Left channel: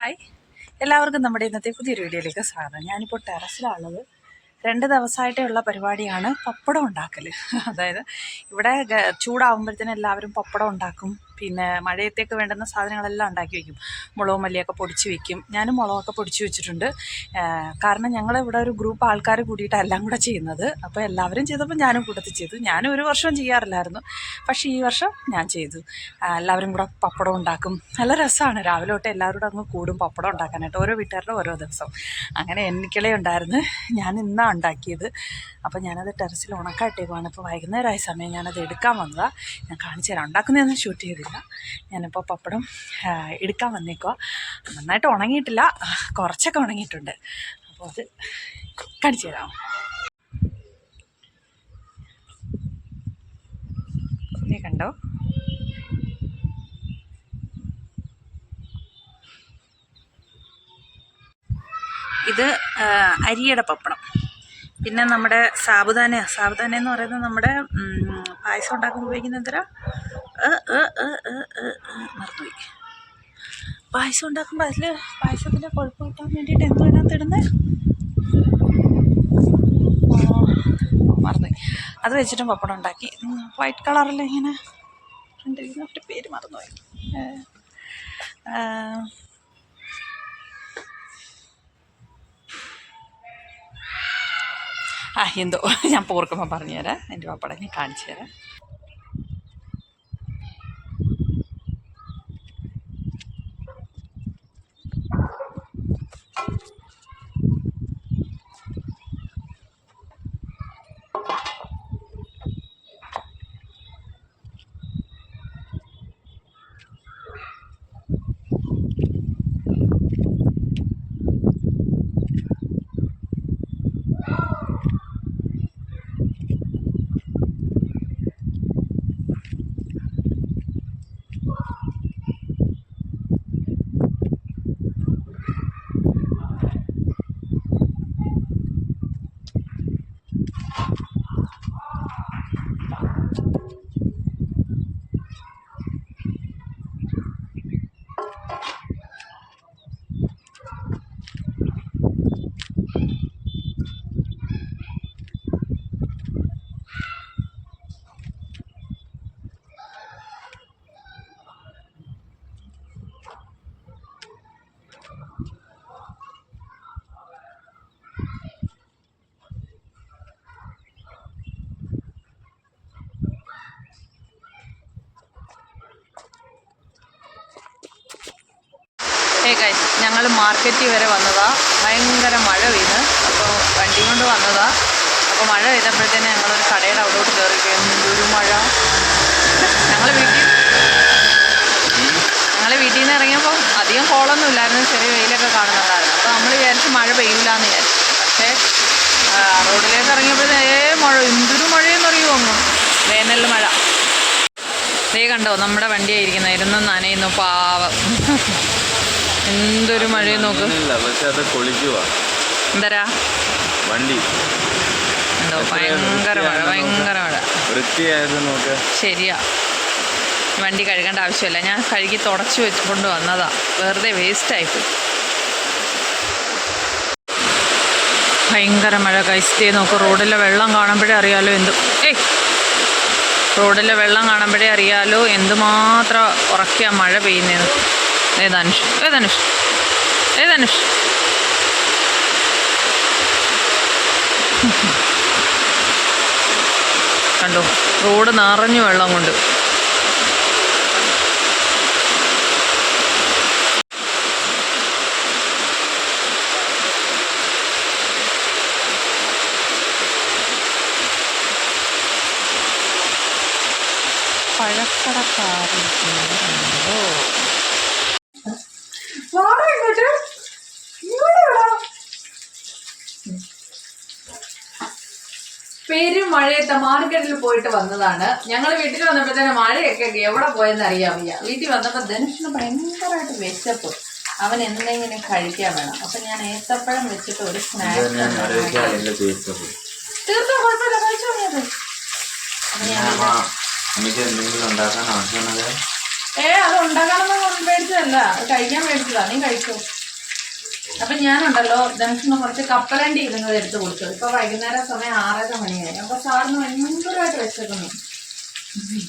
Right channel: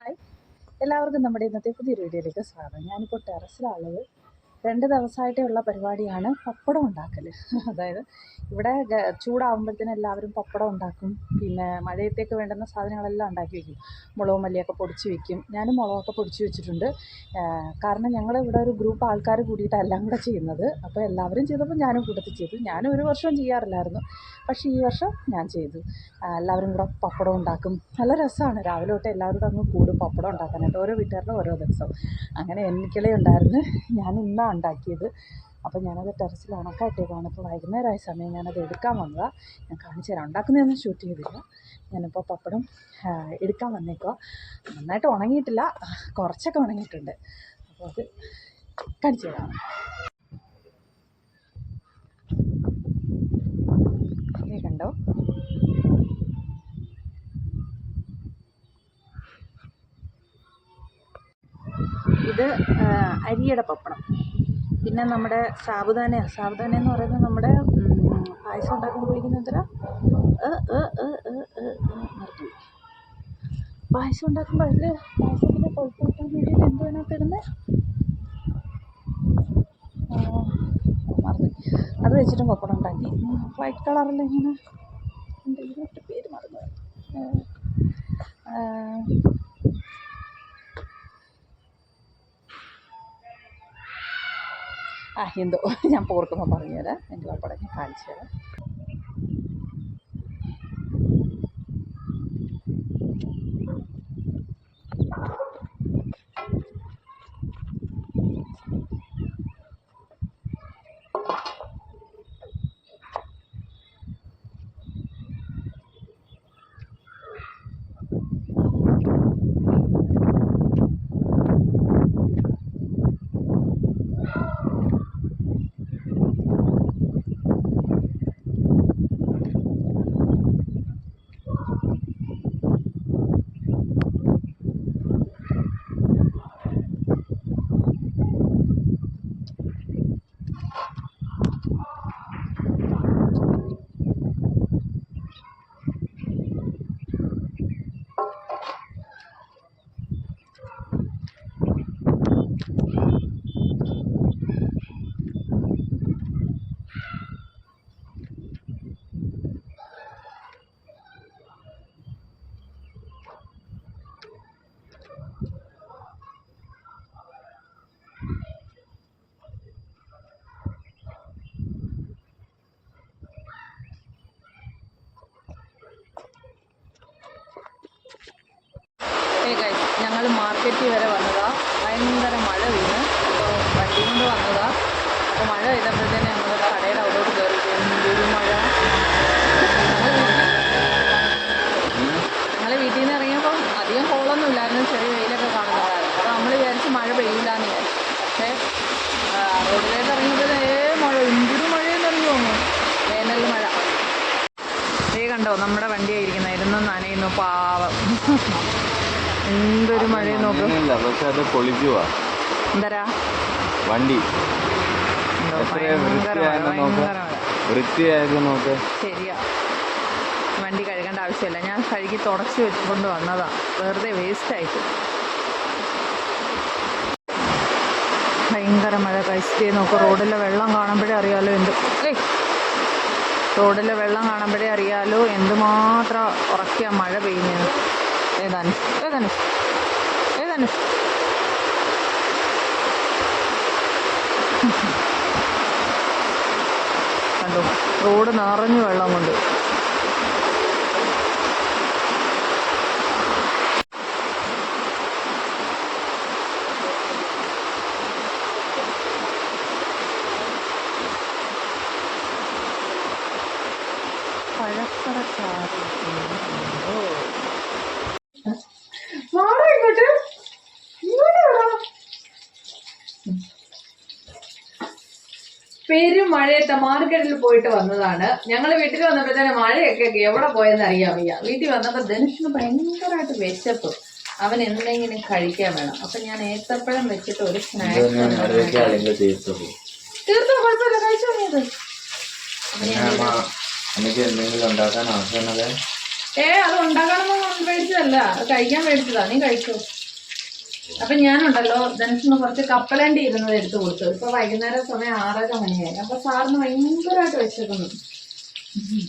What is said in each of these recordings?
Hi എല്ലാവർക്കും നമ്മുടെ ഇന്നത്തെ പുതിയൊരു വീഡിയോയിലേക്ക് സ്വാഗതം. ഞാനിപ്പോൾ ടെറസിലുള്ളത് രണ്ട് ദിവസമായിട്ടുള്ള പരിപാടിയാണ് പപ്പടം ഉണ്ടാക്കൽ അതായത് ഇവിടെ ചൂടാവുമ്പോഴത്തേനും എല്ലാവരും പപ്പടം ഉണ്ടാക്കും. പിന്നെ മഴയത്തേക്ക് വേണ്ടുന്ന സാധനങ്ങളെല്ലാം ഉണ്ടാക്കി വയ്ക്കും മുളകും മല്ലിയൊക്കെ പൊടിച്ച് വയ്ക്കും ഞാനും മുളകൊക്കെ പൊടിച്ച് വെച്ചിട്ടുണ്ട്. കാരണം ഞങ്ങൾ ഇവിടെ ഒരു ഗ്രൂപ്പ് ആൾക്കാർ കൂടിയിട്ട് എല്ലാം കൂടെ ചെയ്യുന്നത്. അപ്പോൾ എല്ലാവരും ചെയ്തപ്പോൾ ഞാനും കൂട്ടത്തിൽ ചെയ്തു. ഞാനും ഒരു വർഷം ചെയ്യാറില്ലായിരുന്നു. പക്ഷേ ഈ വർഷം ഞാൻ ചെയ്തു. എല്ലാവരും കൂടെ പപ്പടം ഉണ്ടാക്കും. നല്ല രസമാണ് രാവിലെ തൊട്ട് എല്ലാവരും അങ്ങ് കൂടും പപ്പടം ഉണ്ടാക്കാനായിട്ട്. ഓരോ വീട്ടുകാരുടെ ഓരോ ദിവസം അങ്ങനെ എനിക്കിളേ ഉണ്ടായിരുന്നു ഞാൻ ഇന്നാണ് ഉണ്ടാക്കിയത്. അപ്പോൾ ഞാനത് ടെറസിൽ ഉണക്കായിട്ടേക്കുവാണ് ഇപ്പോൾ വൈകുന്നേരമായ സമയം ഞാനത് എടുക്കാൻ വന്നതാണ് ഞാൻ കാണിച്ചു തരാം. ഉണ്ടാക്കുന്നതൊന്നും ഷൂട്ട് ചെയ്തില്ല. ഞാനിപ്പോൾ പപ്പടം എടുക്കാൻ വന്നേക്കുക നന്നായിട്ട് ഉണങ്ങിയിട്ടില്ല. കുറച്ചൊക്കെ ഉണങ്ങിയിട്ടുണ്ട്. അപ്പോൾ അത് കാണിച്ചു തരാം. കണ്ടോ? ഇത് അരിയുടെ പപ്പടം. പിന്നെ നമ്മുടെ സാബുദാന സാബുദാന എന്ന് പറയുന്നത് നമ്മുടെ പായസം ഉണ്ടാക്കുമ്പോൾ ഉപയോഗിക്കുന്ന എത്ര മറന്നുപോയി. പായസം ഉണ്ടാക്കുമ്പോൾ അതിൽ പായസത്തിന്റെ കൊഴുപ്പ് കിട്ടാൻ വേണ്ടിയിട്ട് എന്തോ വേണം ഇടുന്നത് മറന്നുപോയി. അത് വെച്ചിട്ടും പപ്പടം ഉണ്ടാക്കി. വൈറ്റ് കളറിൽ ഇങ്ങനെ ഇതിന്റെ പേര് മറന്നുപോയി. ആ, എന്തോ. ഞാൻ പോർക്കുമ്പോൾ പറഞ്ഞുതരാം. എന്റെ പാപ്പട ഞാൻ കാണിച്ചു തരാം ഏ ഗൈസ് ഞങ്ങൾ മാർക്കറ്റിൽ വരെ വന്നതാ. ഭയങ്കര മഴ പെയ്ത്. അപ്പോൾ വണ്ടി കൊണ്ട് വന്നതാ. അപ്പോൾ മഴ പെയ്തപ്പോഴത്തേന് ഞങ്ങളൊരു കടയുടെ അവിടോട്ട് കയറി ഒരു മഴ. ഞങ്ങൾ വീട്ടിൽ ഞങ്ങൾ വീട്ടിൽ നിന്ന് ഇറങ്ങിയപ്പോൾ അധികം കോളൊന്നും ഇല്ലായിരുന്നു. ചെറിയ വെയിലൊക്കെ കാണുന്നുണ്ടായിരുന്നു. അപ്പോൾ നമ്മൾ വിചാരിച്ച് മഴ പെയ്യില്ല എന്ന് വിചാരിച്ചു. പക്ഷേ റോഡിലേക്ക് ഇറങ്ങിയപ്പോൾ ഏ മഴ എന്തൊരു മഴയെന്നറിയുമോ അങ്ങ്? വേനൽ മഴ. ദേ കണ്ടോ നമ്മുടെ വണ്ടിയായിരിക്കുന്നത് ഇരുന്ന് നനയുന്നു പാവം. എന്തൊരു മഴയും നോക്ക്. പക്ഷെ അത് പൊളിക്കുവാ. എന്തരാ? വണ്ടി. എന്തോ ഭയങ്കര മഴ ഭയങ്കര മഴ. വൃത്തിയായിരുന്നു നോക്ക്. ശരിയാ. വണ്ടി കഴുകേണ്ട ആവശ്യമില്ല. ഞാൻ കഴുകി തുടച്ചു വെച്ച് കൊണ്ട് വന്നതാ. വെറുതെ വേസ്റ്റ് ആയിപ്പോയി ഭയങ്കര മഴ കൈസ്റ്റേ നോക്ക് റോഡിലെ വെള്ളം കാണുമ്പോഴേ അറിയാലോ എന്ത്. ഏയ്! റോഡിലെ വെള്ളം കാണുമ്പോഴേ അറിയാലോ എന്തുമാത്രം ഉറക്കിയ മഴ പെയ്യുന്നതെന്ന് ഏ ധനുഷ്. ഏ ധനുഷ്. കണ്ടോ? റോഡ് നിറഞ്ഞു വെള്ളം കൊണ്ട്. പഴക്കടക്കാരിക്കുന്നുണ്ടോ പെരും മഴയത്തെ മാർക്കറ്റിൽ പോയിട്ട് വന്നതാണ്. ഞങ്ങൾ വീട്ടിൽ വന്നപ്പോഴത്തേന് മഴയൊക്കെ എവിടെ പോയെന്ന് അറിയാൻ വയ്യ. വീട്ടിൽ വന്നപ്പോൾ ധനുഷിന് ഭയങ്കരമായിട്ട് വിശപ്പ്. അവൻ എന്തെങ്കിലും കഴിക്കാൻ വേണം. അപ്പൊ ഞാൻ ഏത്തപ്പഴം വെച്ചിട്ട് ഒരു സ്നാക്സ് തീർത്തും? കുഴപ്പമില്ല. കഴിച്ചു തുടങ്ങിയത് എന്തെങ്കിലും ഉണ്ടാക്കാൻ ഏ അത് ഉണ്ടാക്കണം എന്ന് മേടിച്ചതല്ല അത് കഴിക്കാൻ മേടിച്ചതാ നീ കഴിച്ചോ? അപ്പൊ ഞാനുണ്ടല്ലോ ധനുഷിന് കുറച്ച് കപ്പലണ്ടി ഇരുന്നത് എടുത്തു കൊടുത്തു. ഇപ്പൊ വൈകുന്നേരം സമയം ആറര മണിയായി. അപ്പൊ സാറിന് ഭയങ്കരമായിട്ട് വെച്ചേക്കുന്നു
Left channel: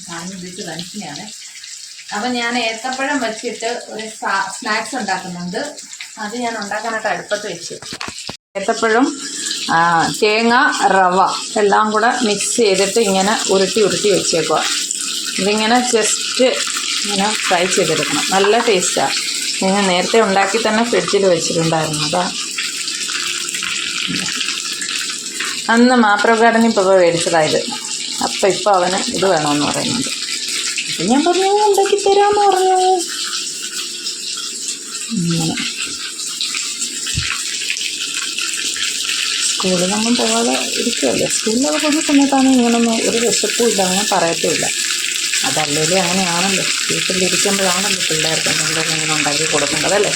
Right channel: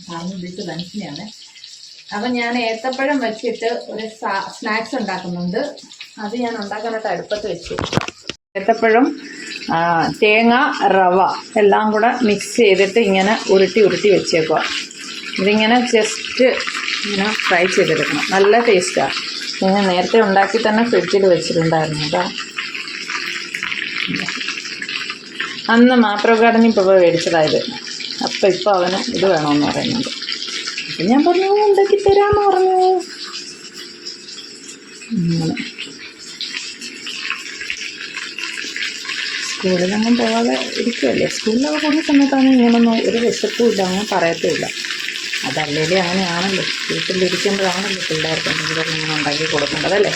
സാറിന് ഉദ്ദേശിച്ച ധനുഷിനെയാണ് അപ്പൊ ഞാൻ ഏത്തപ്പഴം വെച്ചിട്ട് ഒരു സ്നാക്സ് ഉണ്ടാക്കുന്നുണ്ട്. അത് ഞാൻ ഉണ്ടാക്കാനായിട്ട് അടുപ്പത്ത് വെച്ചു. ഏത്തപ്പഴം തേങ്ങ റവ എല്ലാം കൂടെ മിക്സ് ചെയ്തിട്ട് ഇങ്ങനെ ഉരുട്ടി ഉരുട്ടി വെച്ചേക്കുക ഇതിങ്ങനെ ജസ്റ്റ് ഇങ്ങനെ ഫ്രൈ ചെയ്തെടുക്കണം. നല്ല ടേസ്റ്റാണ് ഞാൻ നേരത്തെ ഉണ്ടാക്കി തന്നെ ഫ്രിഡ്ജിൽ വെച്ചിട്ടുണ്ടായിരുന്നു. അതാ. അന്ന് മാപ്രോ ഗാർഡനിൽ പോയി മേടിച്ചതായത് അപ്പം ഇപ്പോൾ അവന് ഇത് വേണമെന്ന് പറയുന്നുണ്ട്. അപ്പം ഞാൻ പറഞ്ഞു ഉണ്ടാക്കി തരാമെന്ന് പറഞ്ഞു. അങ്ങനെ. സ്കൂളിലൊന്നും പോകാതെ ഇരിക്കുകയല്ലേ സ്കൂളിലൊക്കെ പോകുന്ന സമയത്താണ് ഇങ്ങനൊന്നും ഒരു വിശപ്പും ഇല്ല അങ്ങനെ പറയത്തുമില്ല. അതല്ലേ അങ്ങനെയാണല്ലോ. വീട്ടിലിരിക്കുമ്പോഴാണല്ലോ പിള്ളേർക്ക് എന്തെങ്കിലും ഇങ്ങനെ ഉണ്ടാക്കി കൊടുക്കേണ്ടതല്ലേ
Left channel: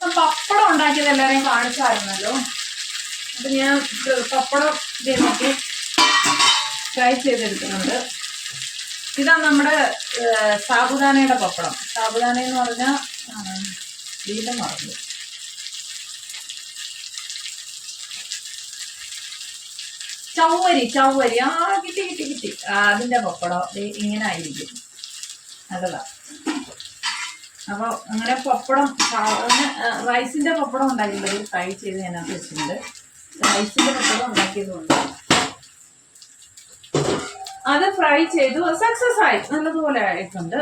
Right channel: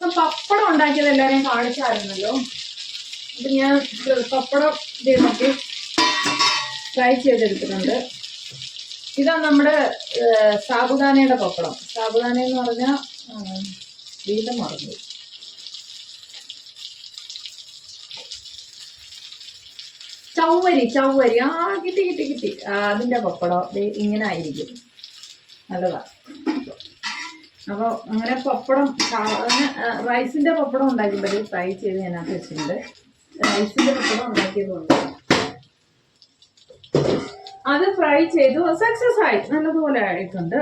പപ്പടം ഉണ്ടാക്കിയത് എല്ലാവരെയും കാണിച്ചായിരുന്നല്ലോ. അപ്പം ഞാൻ പപ്പടം ഇതേ നോക്കി ഫ്രൈ ചെയ്തെടുക്കുന്നുണ്ട്. ഇതാ നമ്മുടെ സാബുദാനയുടെ പപ്പടം. സാബുദാന എന്ന് പറഞ്ഞാൽ വീണ്ടും മറന്നു. ചൗവരി ചൗവരി ആ കിട്ടി കിട്ടി കിട്ടി. അതിന്റെ പപ്പടം. ഇങ്ങനെ ആയിരിക്കും. നല്ലതാ. അപ്പോൾ അങ്ങനെ പപ്പടം അങ്ങനെ റൈസിന്റെ പപ്പടം ഉണ്ടാക്കിയപ്പോൾ ട്രൈ ചെയ്ത് ഞാനത് വെച്ചിട്ടുണ്ട്. റൈസിന്റെ പപ്പടം ഉണ്ടാക്കിയതുകൊണ്ട് അത് ഫ്രൈ ചെയ്തു. സക്സസ് ആയി. നല്ലതുപോലെ ആയിട്ടുണ്ട്.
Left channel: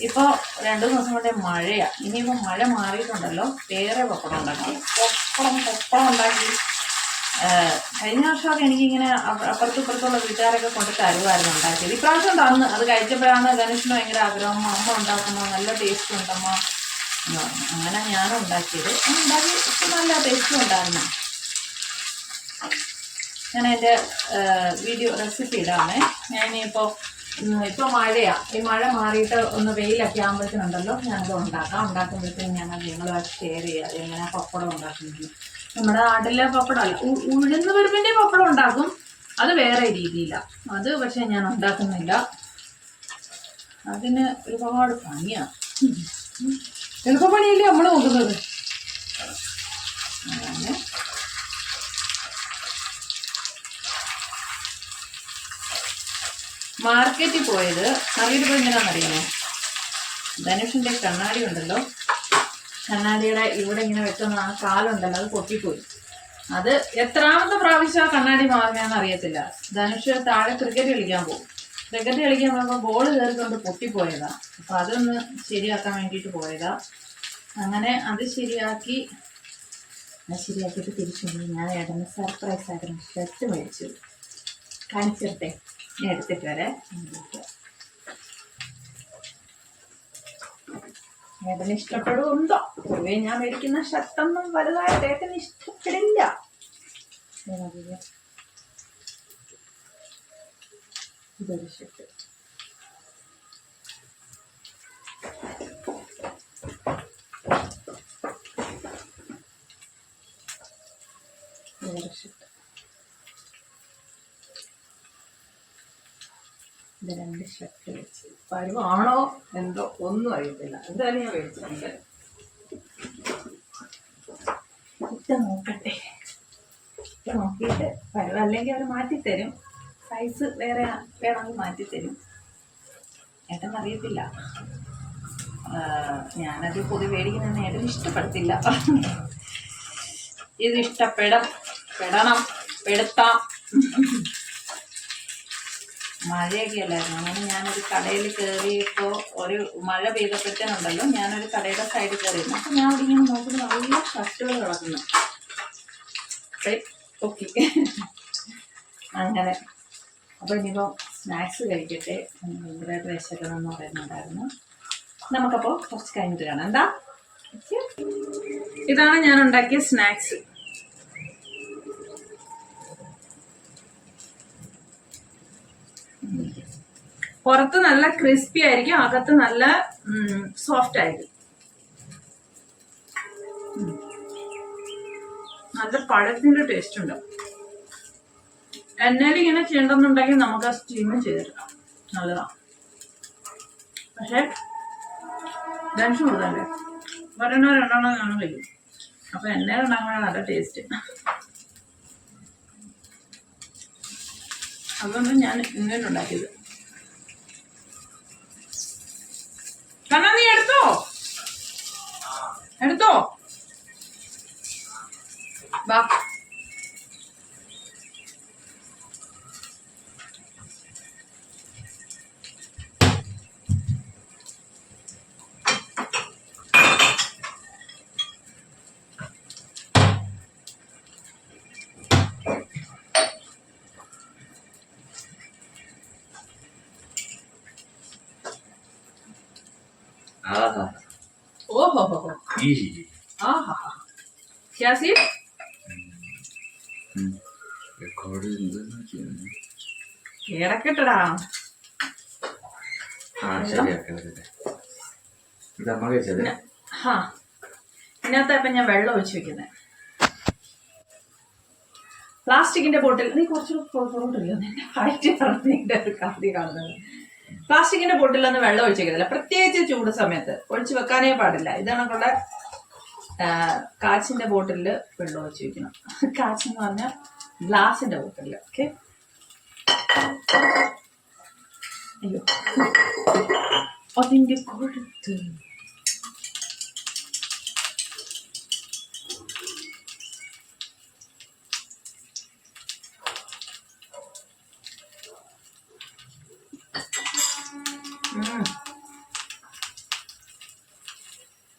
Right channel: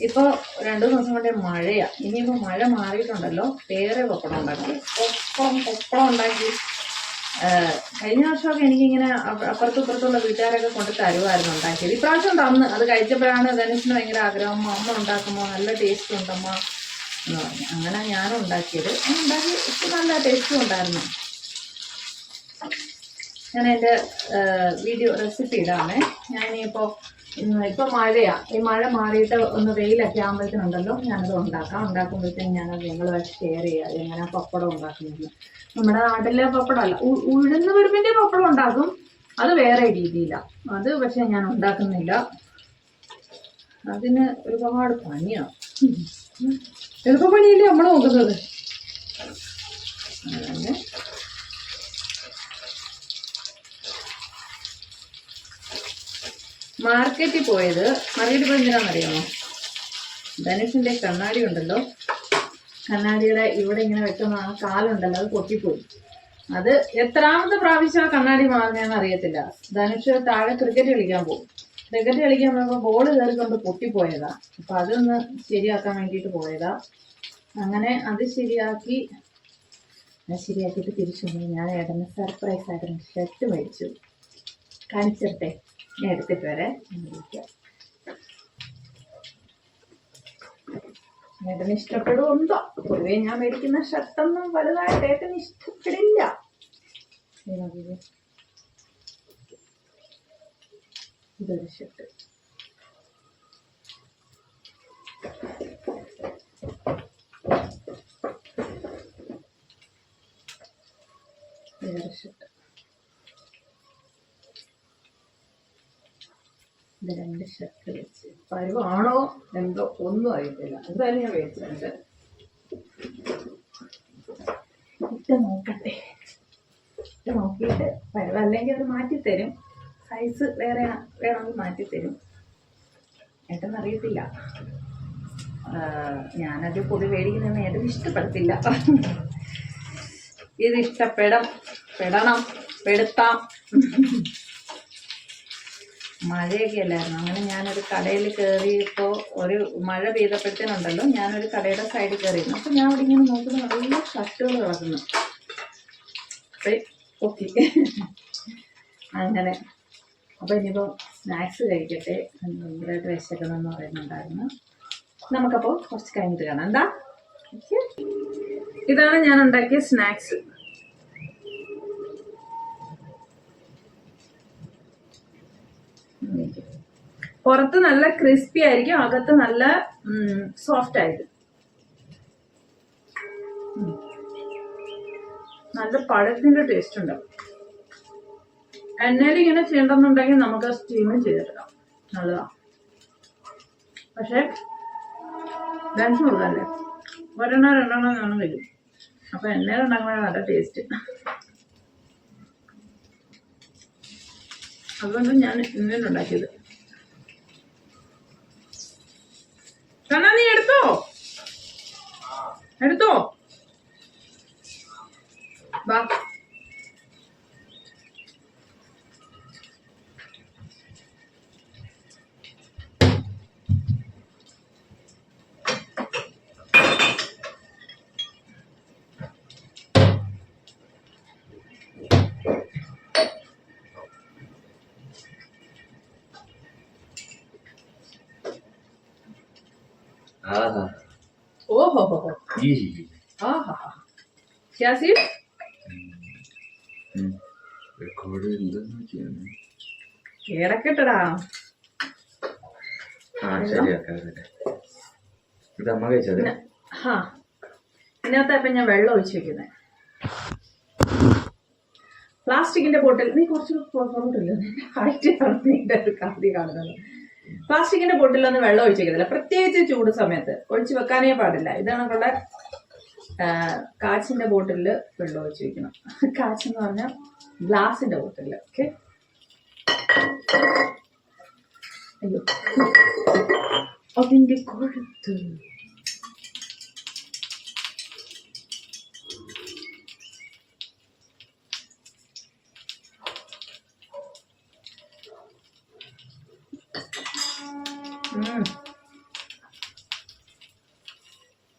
ഇപ്പൊ രണ്ടു ദിവസം കൊണ്ട് മഴയാ. ഇനിയിപ്പോ മഴ മാറിയിട്ടുണ്ടല്ലോ. വേറെ പപ്പടം ഉണ്ടാക്കി. പപ്പടം പപ്പടം ഉണ്ടാക്കി. കഴിഞ്ഞ വർഷമൊക്കെ എനിക്കിങ്ങനെ അപ്പ- അപ്പുറത്തും ഇപ്പുറത്തുള്ള വീട്ടുകാരൊക്കെ കൊണ്ട് തരുമായിരുന്നു ഉണ്ടാക്കിയത്. ഇപ്രാവശ്യം തന്ന് അത് കഴിച്ചപ്പോഴാണ് ധനുഷിന് ഭയങ്കര ആഗ്രഹം. അമ്മ ഉണ്ടാക്കുമ്പോൾ നല്ല ടേസ്റ്റ് ഉണ്ടമ്മ. അങ്ങനെ ഞാനും ഉണ്ടാക്കിയത്. ഉണ്ടാക്കി. ഇപ്പം നല്ല ടേസ്റ്റും ഉണ്ടായിരുന്നു. ഞാൻ എന്റെ വീഡിയോ റെസിപ്പി ഇടാമേ. ഞാനിപ്പോൾ ഇപ്പോൾ മഴയാണ് ഈ മഴ മാറിയിട്ട് ഒന്ന് വെയിലൊക്കെ ആകുമ്പോഴത്തേനുണ്ടല്ലോ ഞാനത് ഉണ്ടാക്കാം. ഉണ്ടാക്കുമ്പോഴത്തേനും ഞങ്ങൾ നിങ്ങളുമായിട്ട് ഷെയർ ചെയ്യാം. എങ്ങനെ പപ്പടം ഉണ്ടാക്കുന്നത് നമ്മുടെ നാട്ടിലെ പപ്പടമല്ല. ഉഴുന്ന് വരുമ്പിന്റെ പപ്പടം ഉണ്ടാക്കും. അത് വേറെ രീതിയിലാണ് അത് പക്ഷേ ഞാൻ ഉണ്ടാക്കുന്നില്ല. അതിന് ഒരുപാട് പണിയാണ് എളുപ്പപ്പണിയല്ലേ നമ്മൾ നോക്കുന്നത്? അങ്ങനെ മാർക്കറ്റിൽ പോയത് പോയി എന്തിനാണെന്നറിയാമോ ധനുഷിന്റെ കണ്ണാടി ഉണ്ടല്ലോ. കണ്ണാടിയുടെ ഇവിടെ ഇങ്ങനെ വെക്കുന്ന ആ കാലുണ്ടല്ലോ അത് പൊട്ടിപ്പോയി. അത് എത്രാമത്തെ പ്രാവശ്യം ആ കണ്ണാടി മാറിയാന്ന് അറിയത്തില്ല. ധനുഷ് താഴെ ക്രിക്കറ്റ് കളിക്കാൻ പോകും. ക്രിക്കറ്റ് കളിക്കാൻ പോകുമ്പോൾ ബോൾ കയറിക്കൊണ്ട് പൊട്ടിപ്പോയതാ. അപ്പൊ അതൊന്ന് ശരിയാക്കാൻ വേണ്ടിയിട്ട് പോയതാ. അങ്ങനെ അത് ശരിയാക്കി. ഞാൻ ശരിയാക്കിയിട്ട് തിരിച്ചു ഞാൻ ഏട്ടന് സർപ്രൈസ് ആയിരുന്നു. ഷർട്ട് മേടിച്ചു. കാണിച്ചിട്ടെ ഞാൻ എടുത്തിട്ട് വരെ. ഏട്ടന് ഇഷ്ടപ്പെടുന്നുണ്ടോ? പൊതുവെ ഞാൻ മേടിക്കുന്ന ഷർട്ടൊന്നും വലുതായിട്ട് ഏട്ടന് ഇഷ്ടപ്പെടില്ല. ഇതൊരു ഷർട്ട് ഷർട്ട് ഇത് രണ്ട് ഷർട്ട് വെച്ച്. പരുവാണോ എന്തോ ഒന്നും അറിയത്തില്ല. എന്തായാലും ഞാൻ മേടിച്ചിട്ടുണ്ട്. ഇട്ട് നോക്കട്ടെ. ഇട്ട് നോക്കിയിട്ട് പരുവ അല്ലെങ്കിൽ അവർ മാറ്റിത്തരും. സൈസ് വേറെ വേണമെങ്കിൽ മാറ്റിത്തരും. ഏട്ടൻ അറിയത്തില്ല ഞാനത് പൊതുവെ മേടിക്കുന്നതെന്ന് ഏട്ടൻ ഇഷ്ടപ്പെടത്തില്ല. ഇത് ഇഷ്ടപ്പെടം. പെടണം. പെടുത്താം. മഴയൊക്കെ അല്ലായിരുന്നു. അങ്ങനെ ഞാനൊരു കടയിൽ കയറിയപ്പോൾ ഒരു മഴ പെയ്തപ്പോഴത്തേനുണ്ടല്ലോ ഞാനൊരു കടയുടെ സൈഡിൽ കയറിയിരുന്നു അപ്പം ഞാൻ അവിടെ ഇങ്ങനെ നോക്കുമ്പോൾ നല്ല ഷർട്ടുകൾ കിടക്കുന്നു. ഓക്കെ അങ്ങനെ. അപ്പോൾ ഇനിയിപ്പോൾ സ്നാക്സ് കഴിക്കട്ടെ ഭയങ്കരമായിട്ട് വിശക്കണം എന്ന് പറയുന്നുണ്ടായിരുന്നു. നമുക്കപ്പോൾ കുറച്ച് കഴിഞ്ഞിട്ട് കാണാം. എന്താ? ഇതാണ് ഞാൻ ഉണ്ടാക്കിയ സ്നാക്സ് പുറത്ത് നല്ല ക്രിസ്പി ആയിരിക്കും അകത്ത് നല്ല സോഫ്റ്റ് ആയിരിക്കും. നല്ല പഴത്തിന്റെ ടേസ്റ്റ് ഉണ്ടാവും എണ്ണയിൽ ഇങ്ങനെ ചെയ്യണ്ടെന്നുണ്ടെങ്കിൽ നമുക്ക് ആ സ്റ്റീമ് ചെയ്തെടുക്കാം നല്ലതാ. പക്ഷെ ടെൻഷൻ കൊടുക്കണ്ടേ? ഒരെണ്ണോ രണ്ടെണ്ണോ കാണും വരും. അപ്പൊ എണ്ണയിൽ ഉണ്ടാക്കുമ്പോഴാണ് നല്ല ടേസ്റ്റ് അതുകൊണ്ട് ഞാൻ ഇങ്ങനെ ഉണ്ടാക്കിയത്. കണ്ണ നീ എടുത്തോ? എടുത്തോ? വാ ഈ ആഹാ ക്യാ സീഡ് റെക്കോർഡ് എന്തെന്ന് ചെയ്യുന്നു കേടക്കെട്ടടാ ആ ശരിയാക്കാതെ ഇത് അമ്മ കഴിച്ചത് ഹാ ഇതിനകത്ത് ഞാൻ വെള്ളം ഒഴിച്ച് വെക്കുന്നത് പ്ലാസ്റ്റിക്കിന്റെ ബോട്ടിൽ നീ കുറച്ചു പുറകോട്ടില്ല നിന്റെ ഹൈറ്റ് കാണുന്നത്. പ്ലാസ്റ്റിക്കിന്റെ ബോട്ടിലൊന്നും വെള്ളം ഒഴിച്ചേക്കുന്നില്ല പ്രത്യേകിച്ച് ചൂട് സമയത്ത് ഒഴിച്ചു വെക്കാനേ പാടില്ല. ഇതാണ് നമ്മുടെ കാച്ചിന്റെ ബോട്ടിലിൽ വെള്ളം ഒഴിച്ചു വെക്കണം. കാച്ചെന്ന് പറഞ്ഞാൽ ഗ്ലാസിന്റെ ബോട്ടിൽ ഓക്കെ? അയ്യോ. അതിന്റെ കൊഴുത്ത്.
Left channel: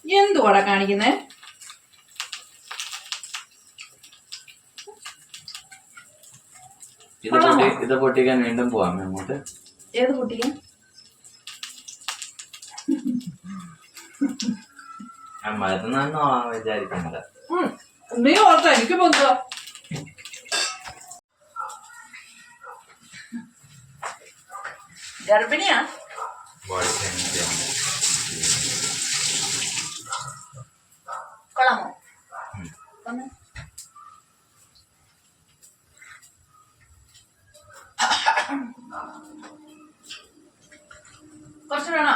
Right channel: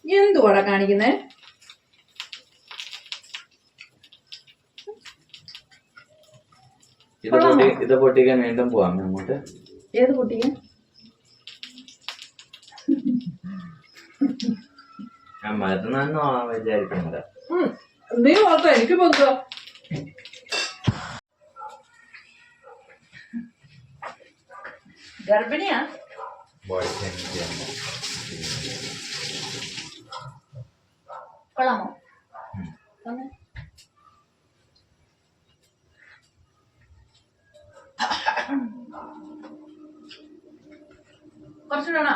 എന്തുവാടാ കാണിക്കുന്നേ? ഇത് പൊട്ടിക്കാൻ വീണ്ടും പോവാം അങ്ങോട്ട്. ഏത് മരുന്നാന്നോ വിചാരിക്കുന്നത് ഉം. നീ ഓർത്തോ എനിക്ക് പൊന്തോ ഗർഭിണിയാ? കൊള്ളാമോ. കുറച്ച് വേണോ?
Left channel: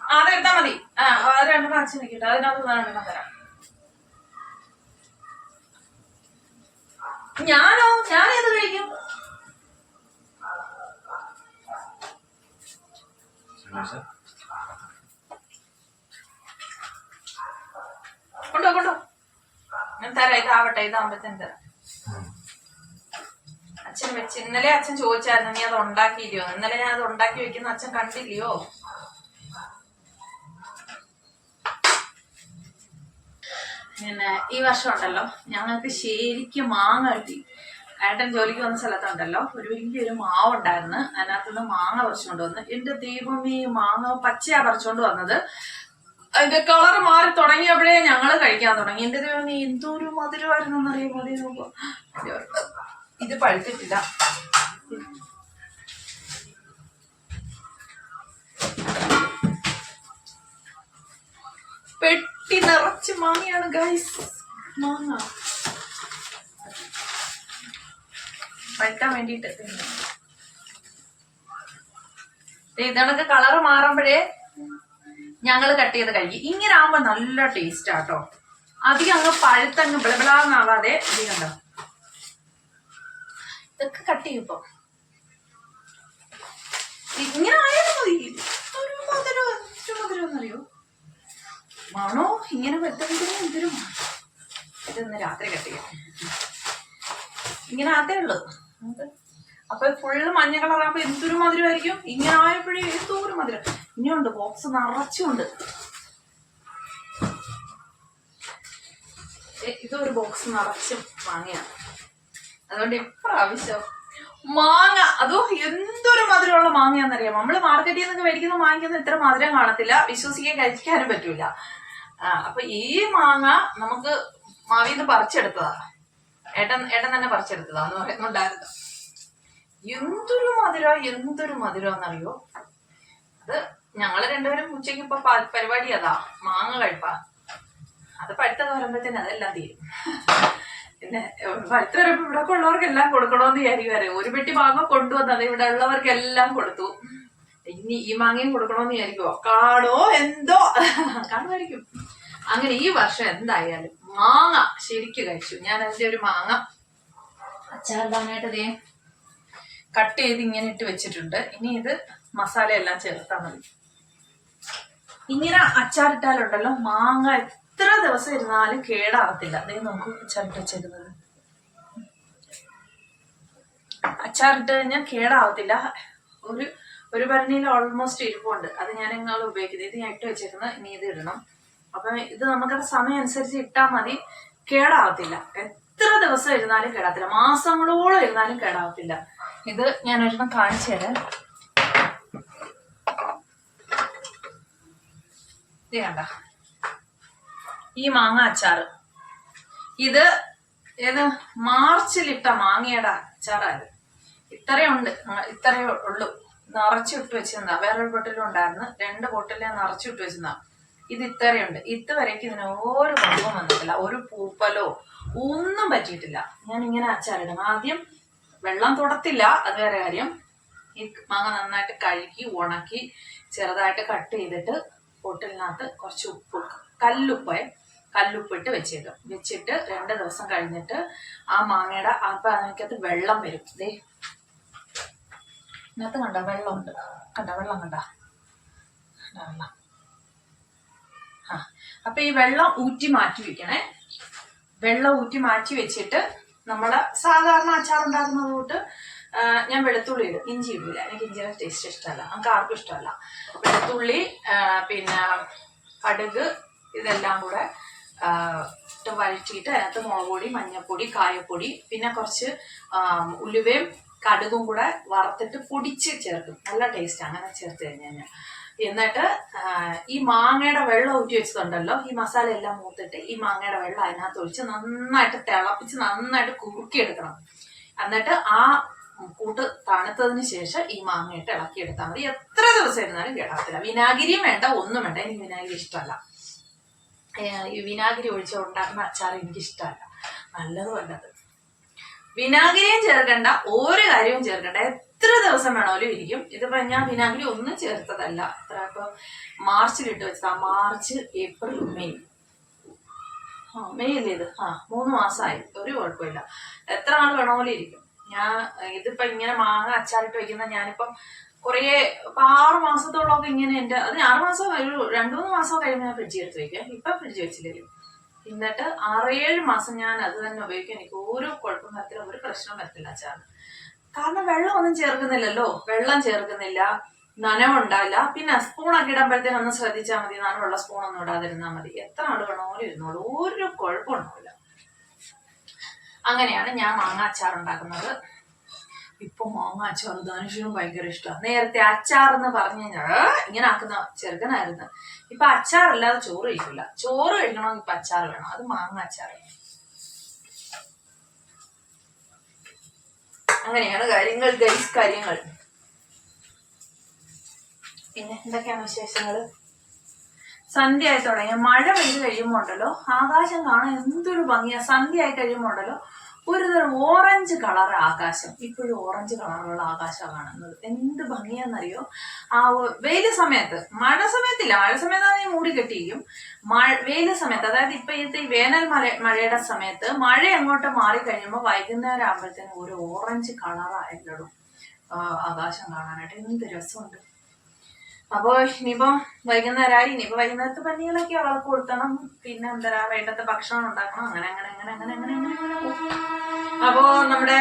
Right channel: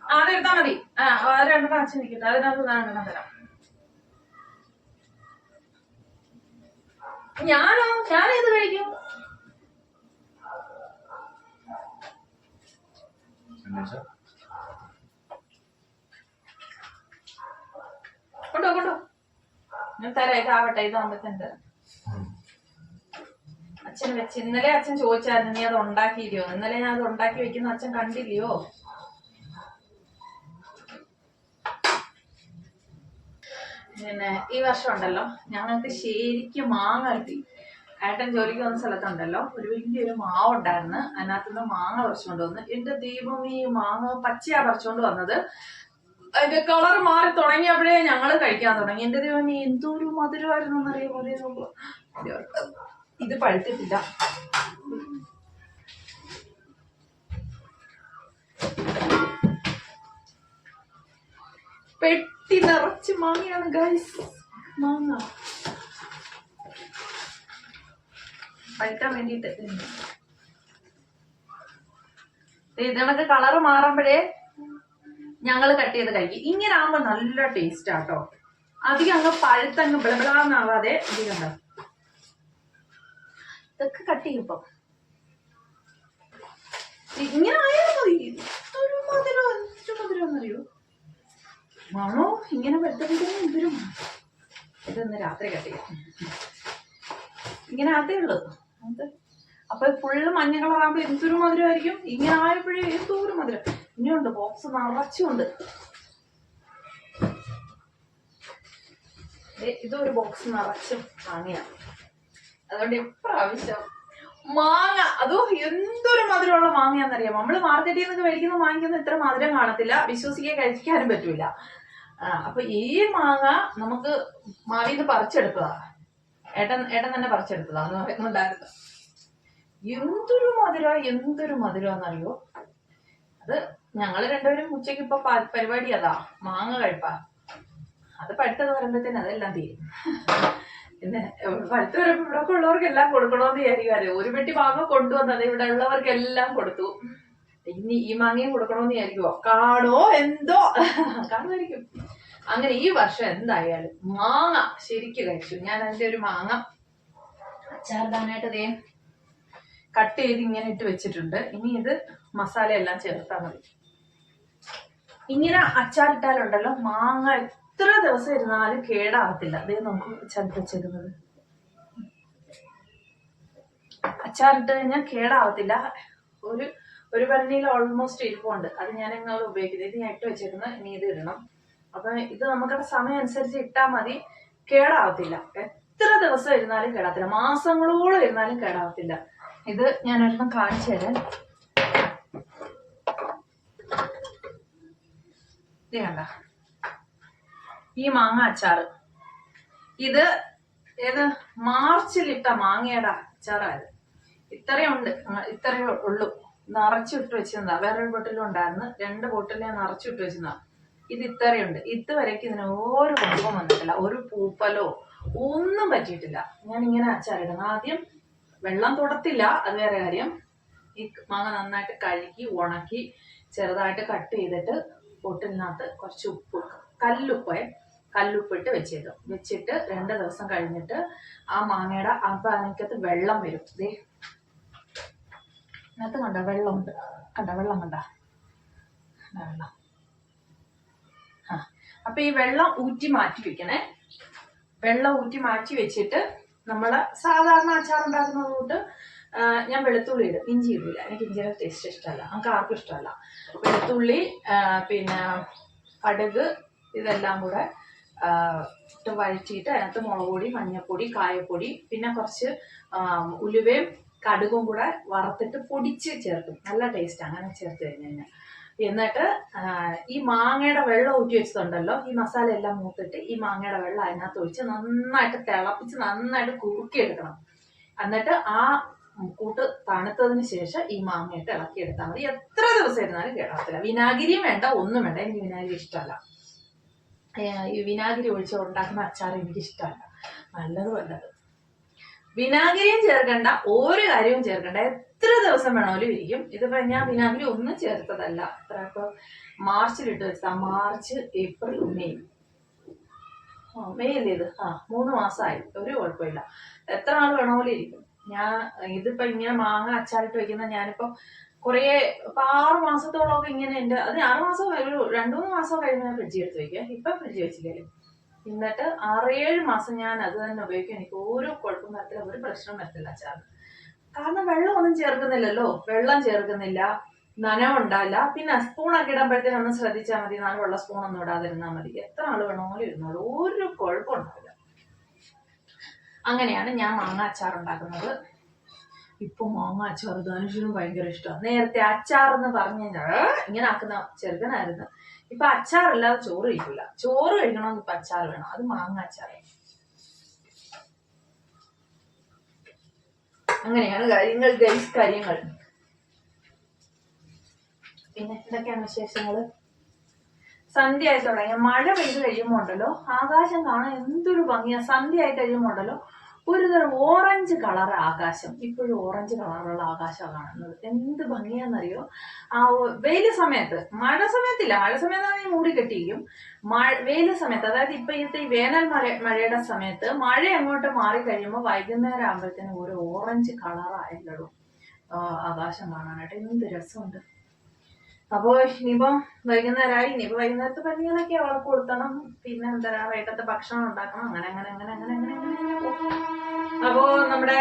ആ അതെടുത്താ മതി. ആ അത് രണ്ട് കാച്ചി നിൽക്കട്ടെ അതിനകത്ത് ഞാൻ രണ്ടെണ്ണം തരാം ഞാനോ ഞാൻ ഏത് കഴിക്കും കൊണ്ടോ കൊണ്ടോ. ഞാൻ തരാം ഇതാവട്ടെ ഇതാവുമ്പത്തേന് തരാം അച്ഛൻ വെച്ച് ഇന്നലെ അച്ഛൻ ചോദിച്ചായിരുന്നു നീ അത് ഉണ്ടാക്കിയില്ലയോ? ഇന്നലെ ഞാൻ അത് ഉണ്ടാക്കി വെക്കുന്ന അച്ഛൻ കണ്ടില്ലയോ? പിന്നെ ഈ വർഷം ഉണ്ടല്ലോ ഞങ്ങൾക്ക് ശരിക്കും മാങ്ങ കിട്ടി. ഏട്ടൻ ജോലിക്ക് വന്ന സ്ഥലത്തുണ്ടല്ലോ ഒരു വലിയൊരു മാവ് ഉണ്ടായിരുന്നു അതിനകത്തുനിന്ന് മാങ്ങ പറിച്ചുകൊണ്ട് വന്ന് എന്റെ ദൈവം ഈ മാങ്ങ പച്ചയാ പറിച്ചുകൊണ്ട് വന്നത്. അതിന്റെ കളർ മാറി തുടങ്ങിയപ്പോഴേ ഞങ്ങൾ കഴിക്കാൻ തുടങ്ങി. എന്റെ ദൈവം എന്തോ ഒരു മധുരമായിരുന്നു എന്നറിയാമോ അതേ നോക്കുക ഇത് പഴുത്തിട്ടില്ല. പെട്ടി നിറച്ച് മാങ്ങയാണ് ഗൈസ് മാങ്ങ. പഴുക്കാൻ വേണ്ടിട്ട് ഇതണക്ക് കളറ് മാറുമ്പോഴേ ഞങ്ങൾ കട്ട് ചെയ്ത് കഴിക്കും ഇങ്ങനെ ആകുമ്പോൾ നല്ല ടേസ്റ്റ് ആട്ടോ. അധികം അങ്ങ് പഴുത്തങ്ങ് ബിളബിളാന്നാവാതെ ഇത് കണ്ടോ ഇതൊക്കെ കട്ട് ചെയ്യും ഇങ്ങനെ ആയാലും മതി. ഒരു മധുരം എന്തൊരു മധുരം എന്നറിയോ? മണോ? ഇങ്ങനെ വരുത്തുന്ന എന്തൊരു. ഇതൊന്ന് രാത്രി കട്ട് ചെയ്യാം. ഇങ്ങനെ അതേ ഉള്ളു അപ്പൊ ഫുള്ള് മഞ്ഞ കളറാകുമ്പോ എന്തൊരു മധുരമായിരിക്കും? ഇങ്ങനെ ആയപ്പോഴേ എന്തോ ഒരു മധുരം. ഇനിയുണ്ട് ബോക്സ് നിറച്ചുണ്ട്. ഇതൊരു ബോക്സ് നിറച്ചും മാങ്ങയാണ്. അതുകൊണ്ട് ഇപ്രാവശ്യം മാങ്ങ അതോ എന്തൊരു മധുരമുള്ള മാങ്ങയാണെന്നറിയാം നമ്മൾ മാർക്കറ്റിൽ നിന്നൊക്കെ മേടിക്കുന്ന മാങ്ങയ്ക്കൊന്നും ഇത്ര മധുരം കാണത്തില്ല. വിശ്വസിക്കാൻ കഴിക്കാനും പറ്റൂല. അപ്പൊ ഈ മാങ്ങ നമുക്ക് മാവിന്ന് പറിച്ചെടുത്തതാ. ഏട്ടൻ ഏട്ടൻ തന്നെ പറിച്ചെടുത്തതാ. എന്ന് പറയുന്നുണ്ടായിരുന്നു. എന്തൊരു മധുര എന്തൊരു മധുരം എന്നറിയോ? അത് ഞങ്ങൾ രണ്ടുപേരും ഉച്ചയ്ക്ക് ഇപ്പൊ പരിപാടി അതാ മാങ്ങ കഴിപ്പാ. അത് പഴുത്തത് വരുമ്പോഴത്തേന് അതെല്ലാം തീരും. പിന്നെ പഴുത്ത് വരുമ്പോ ഇവിടെ ഉള്ളവർക്ക് എല്ലാം കൊടുക്കണമെന്ന് വിചാരിക്കാറ് ഒരു പെട്ടി മാങ്ങ കൊണ്ടുവന്നത് ഇവിടെ ഉള്ളവർക്ക് എല്ലാം കൊടുത്തു. ഇനി ഈ മാങ്ങയും കൊടുക്കണമെന്ന് വിചാരിക്കുവോ? കാടോ എന്തോ? കാണുമായിരിക്കും. അങ്ങനെ ഈ വർഷം എന്തായാലും മാങ്ങ ശരിക്ക് കഴിച്ചു. ഞാൻ അതിന്റെ ഒരു മാങ്ങ അച്ചാറിടാനായിട്ട് ദേ കട്ട് ചെയ്ത് ഇങ്ങനെ ഇട്ട് വെച്ചിട്ടുണ്ട്. ഇനി ഇത് മസാല എല്ലാം ചേർത്താൽ മതി. ഇങ്ങനെ അച്ചാറിട്ടാലുണ്ടല്ലോ മാങ്ങ എത്ര ദിവസം ഇരുന്നാലും കേടാവത്തില്ല. അതേ നോക്കൂ അച്ചാറിട്ട് വെച്ചേക്കുന്നത്. അച്ചാറിട്ട് കഴിഞ്ഞാൽ കേടാവത്തില്ല. ഒരു ഒരു ഭരണിയിൽ ഓൾമോസ്റ്റ് ഇരിപ്പുണ്ട്. അത് ഞാൻ ഇങ്ങനെ ഉപയോഗിക്കുന്നത്. ഇത് ഞാൻ ഇട്ട് വെച്ചേക്കുന്നത്. ഇനി ഇത് ഇടണം. അപ്പം ഇത് നമുക്ക് സമയം അനുസരിച്ച് ഇട്ടാൽ മതി. കേടാവത്തില്ല. എത്ര ദിവസം ഇരുന്നാലും കേടാത്തില്ല മാസങ്ങളോളം ഇരുന്നാലും കേടാവത്തില്ല. ഇത് ഞാൻ ഒരെണ്ണം കാണിച്ചു തരാം. ഇത് കണ്ട ഈ മാങ്ങ അച്ചാറ് ഇത് ഏത്? മാർച്ചിലിട്ട മാങ്ങയുടെ അച്ചാറായത്. ഇത്രയുണ്ട് ഇത്രയേ ഉള്ളൂ. നിറച്ചിട്ട് വെച്ചിരുന്നാ വേറൊരു ബോട്ടിലും ഉണ്ടായിരുന്നു. രണ്ട് ബോട്ടിലെ നിറച്ചിട്ട് വെച്ചിരുന്നാ ഇത് ഇത്രയുണ്ട് ഇതുവരേക്ക് ഇതിന് ഒരു കുഴപ്പം വന്നിട്ടില്ല. ഒരു പൂപ്പലോ ഒന്നും പറ്റിയിട്ടില്ല. ഞാൻ ഇങ്ങനെ അച്ചാറിടും. ആദ്യം വെള്ളം തുടത്തില്ല. അത് വേറെ കാര്യം. ഈ മാങ്ങ നന്നായിട്ട് കഴുകി ഉണക്കി ചെറുതായിട്ട് കട്ട് ചെയ്തിട്ട് ബോട്ടിലിനകത്ത് കുറച്ച് ഉപ്പ് കല്ലുപ്പേ കല്ലുപ്പിട്ട് വെച്ചേക്കും. വെച്ചിട്ട് രണ്ട് ദിവസം കഴിഞ്ഞിട്ട് ആ മാങ്ങയുടെ അപ്പം അതിനകത്ത് വെള്ളം വരും. ദേ. ഇതിനകത്ത് കണ്ട? വെള്ളമുണ്ട്. കണ്ട? വെള്ളം കണ്ട? കണ്ട? വെള്ളം ആ. അപ്പൊ ഈ വെള്ളം ഊറ്റി മാറ്റി വെക്കണേ. വെള്ളം ഊറ്റി മാറ്റി വെച്ചിട്ട് നമ്മൾ സാധാരണ അച്ചാർ ഉണ്ടാക്കുന്നത് ഞാൻ വെളുത്തുള്ളി ഇടും. ഇഞ്ചി ഇടില്ല എനിക്ക് ഇഞ്ചിയുടെ ടേസ്റ്റ് ഇഷ്ടമല്ല നമുക്ക് ആർക്കും ഇഷ്ടമല്ല. വെളുത്തുള്ളി പിന്നെ കടുക് ഇതെല്ലാം കൂടെ ഇട്ട് വഴറ്റിയിട്ട് അതിനകത്ത് മുളക് പൊടി മഞ്ഞൾപ്പൊടി കായപ്പൊടി പിന്നെ കുറച്ച് ഉലുവയും കടുകും കൂടെ വറുത്തിട്ട് പൊടിച്ച് ചേർക്കും. നല്ല ടേസ്റ്റ് അങ്ങനെ ചേർത്ത് കഴിഞ്ഞ് കഴിഞ്ഞാൽ എന്നിട്ട് ഈ മാങ്ങയുടെ വെള്ളം ഊറ്റി വെച്ചതുണ്ടല്ലോ. ഈ മസാല എല്ലാം മൂത്തിട്ട് ഈ മാങ്ങയുടെ വെള്ളം അതിനകത്ത് ഒഴിച്ച് നന്നായിട്ട് തിളപ്പിച്ച് നന്നായിട്ട് കുറുക്കിയെടുക്കണം. എന്നിട്ട് ആ കൂട്ട് തണുത്തതിന് ശേഷം ഈ മാങ്ങയിട്ട് ഇളക്കിയെടുത്താൽ മതി. എത്ര ദിവസം ഇരുന്നാലും കേടാത്തില്ല വിനാഗിരിയും വേണ്ട ഒന്നും വേണ്ട. എനിക്ക് വിനാഗിരി ഇഷ്ടമല്ല. ഈ വിനാഗിരി ഒഴിച്ച് ഉണ്ടാക്കുന്ന അച്ചാർ എനിക്ക് ഇഷ്ടമല്ല നല്ലതും അല്ലത് വിനാഗിരിയും ചേർക്കണ്ട ഒരു കാര്യവും ചേർക്കണ്ട. എത്ര ദിവസം വേണമെങ്കിലും ഇരിക്കും. ഇതിപ്പോ ഞാൻ വിനാഗിരി ഒന്നും ചേർത്തതല്ല. എത്ര ഇപ്പൊ മാർച്ചിൽ ഇട്ട് വെച്ചതാ. March April May. മെയ് അല്ലേ ഇത്? ആ മൂന്ന് മാസമായി. ഒരു കുഴപ്പമില്ല. എത്ര നാൾ വേണമെങ്കിലും ഇരിക്കും. ഞാൻ ഇതിപ്പോ ഇങ്ങനെ മാങ്ങ അച്ചാറിട്ട് വെക്കുന്ന ഞാനിപ്പം കുറേ ഇപ്പൊ ആറ് മാസത്തോളമൊക്കെ ഇങ്ങനെ എന്റെ അത് ആറ് മാസം ഒരു രണ്ടു മൂന്ന് മാസം കഴിയുമ്പോൾ ഞാൻ ഫ്രിഡ്ജിൽ എടുത്ത് വെക്കാം. ഇപ്പൊ ഫ്രിഡ്ജ് വെച്ചില്ലല്ലോ. എന്നിട്ട് ആറേഴ് മാസം ഞാൻ അത് തന്നെ ഉപയോഗിക്കും. എനിക്ക് ഒരു കുഴപ്പം വരത്തില്ല ഒരു പ്രശ്നവും വരത്തില്ല അച്ചാറിന് കാരണം വെള്ളം ഒന്നും ചേർക്കുന്നില്ലല്ലോ. വെള്ളം ചേർക്കുന്നില്ല നനവുണ്ടാവില്ല. പിന്നെ സ്പൂണൊക്കെ ഇടുമ്പോഴത്തേനും ഒന്ന് ശ്രദ്ധിച്ചാൽ മതി. നനവുള്ള സ്പൂണൊന്നും ഇടാതിരുന്നാൽ മതി. എത്ര നാൾ വേണമെങ്കിലും ഇരുന്നോളൂ. ഒരു കുഴപ്പം ഉണ്ടാവില്ല. അങ്ങനെയാണ് ഞാൻ മാങ്ങ അച്ചാർ ഉണ്ടാക്കുന്നത്. ഇപ്പൊ മാങ്ങ അച്ചാർ ധനുഷിനും ഭയങ്കര ഇഷ്ടമാണ് നേരത്തെ അച്ചാർ എന്ന് പറഞ്ഞു കഴിഞ്ഞാൽ ഇങ്ങനെ ആക്കുന്ന ചെറുക്കനായിരുന്നു. ഇപ്പൊ അച്ചാറല്ലാതെ ചോറ് കഴിക്കില്ല ചോറ് കഴിക്കണമെങ്കിൽ ഇപ്പൊ അച്ചാർ വേണം. അത് മാങ്ങ അച്ചാർ. അങ്ങനെയാണ് കാര്യങ്ങൾ ഗൈസ് കാര്യങ്ങൾ. പിന്നെ എന്തൊക്കെയാണ് വിശേഷങ്ങൾ? സന്ധ്യ ആയി തുടങ്ങിയ മഴ പെയ്ത് കഴിയുമ്പോൾ ഉണ്ടല്ലോ ആകാശം കാണാൻ എന്തൊരു ഭംഗിയാ. സന്ധ്യ ആയി കഴിയുമ്പോൾ ഉണ്ടല്ലോ ഒരു ഓറഞ്ച് കളർ ആകാശം. ഇപ്പോഴും ഓറഞ്ച് കളറുള്ള ആകാശമാണ് കാണുന്നത്. എന്ത് ഭംഗിയാണെന്നറിയോ ആ വെയിൽ സമയത്ത് മഴ സമയത്തില്ല. മഴ സമയത്താണെങ്കിൽ മൂടി കെട്ടിയിരിക്കും. മഴ വെയിൽ സമയത്ത് അതായത് ഇപ്പൊ ഇത്തെ വേനൽ മഴ മഴയുടെ സമയത്ത് മഴ അങ്ങോട്ട് മാറി കഴിയുമ്പോൾ വൈകുന്നേരം ആകുമ്പോഴത്തേനും ഒരു ഓറഞ്ച് കളറായിട്ടുള്ളൂ ആകാശം കാണാനായിട്ട് എന്ത് രസമുണ്ട്. അപ്പോൾ ഇനിയിപ്പോ വൈകുന്നേരമായി ഇനിയിപ്പോൾ വൈകുന്നേരത്തെ പനികളൊക്കെ അവൾക്ക് കൊടുത്തണം പിന്നെ എന്താ വേണ്ടത്തെ ഭക്ഷണം ഉണ്ടാക്കണം. അങ്ങനെ അങ്ങനെ അങ്ങനെ അങ്ങനെ അങ്ങനെ അങ്ങനെ അങ്ങനെ പോകും. അപ്പോൾ നമ്മുടെ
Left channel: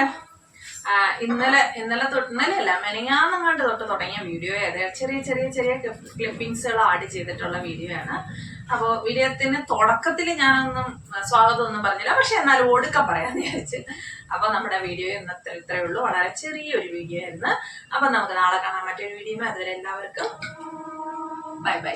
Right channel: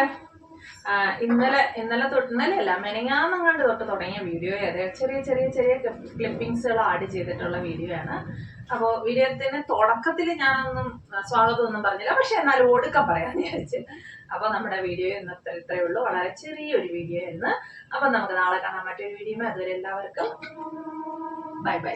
ഇന്നലെ ഇന്നലെ തൊട്ട് ഇന്നലെ അല്ല മെനങ്ങാന്നങ്ങാണ്ട് തൊട്ട് തുടങ്ങിയ വീഡിയോ അതെ ചെറിയ ചെറിയ ചെറിയ ക്ലിപ്പിങ്സുകൾ ആഡ് ചെയ്തിട്ടുള്ള വീഡിയോ ആണ്. അപ്പോൾ വീഡിയോത്തിന് തുടക്കത്തിൽ ഞാനൊന്നും സ്വാഗതം ഒന്നും പറഞ്ഞില്ല. പക്ഷെ എന്നാലും ഒടുക്കം പറയാന്ന് വിചാരിച്ച്. അപ്പൊ നമ്മുടെ വീഡിയോ ഇന്നത്തെ ഇത്രയേ ഉള്ളൂ. വളരെ ചെറിയൊരു വീഡിയോ ആയിരുന്നു. അപ്പൊ നമുക്ക് നാളെ കാണാൻ മറ്റൊരു വീഡിയോ അതുവരെ എല്ലാവർക്കും ബൈ ബൈ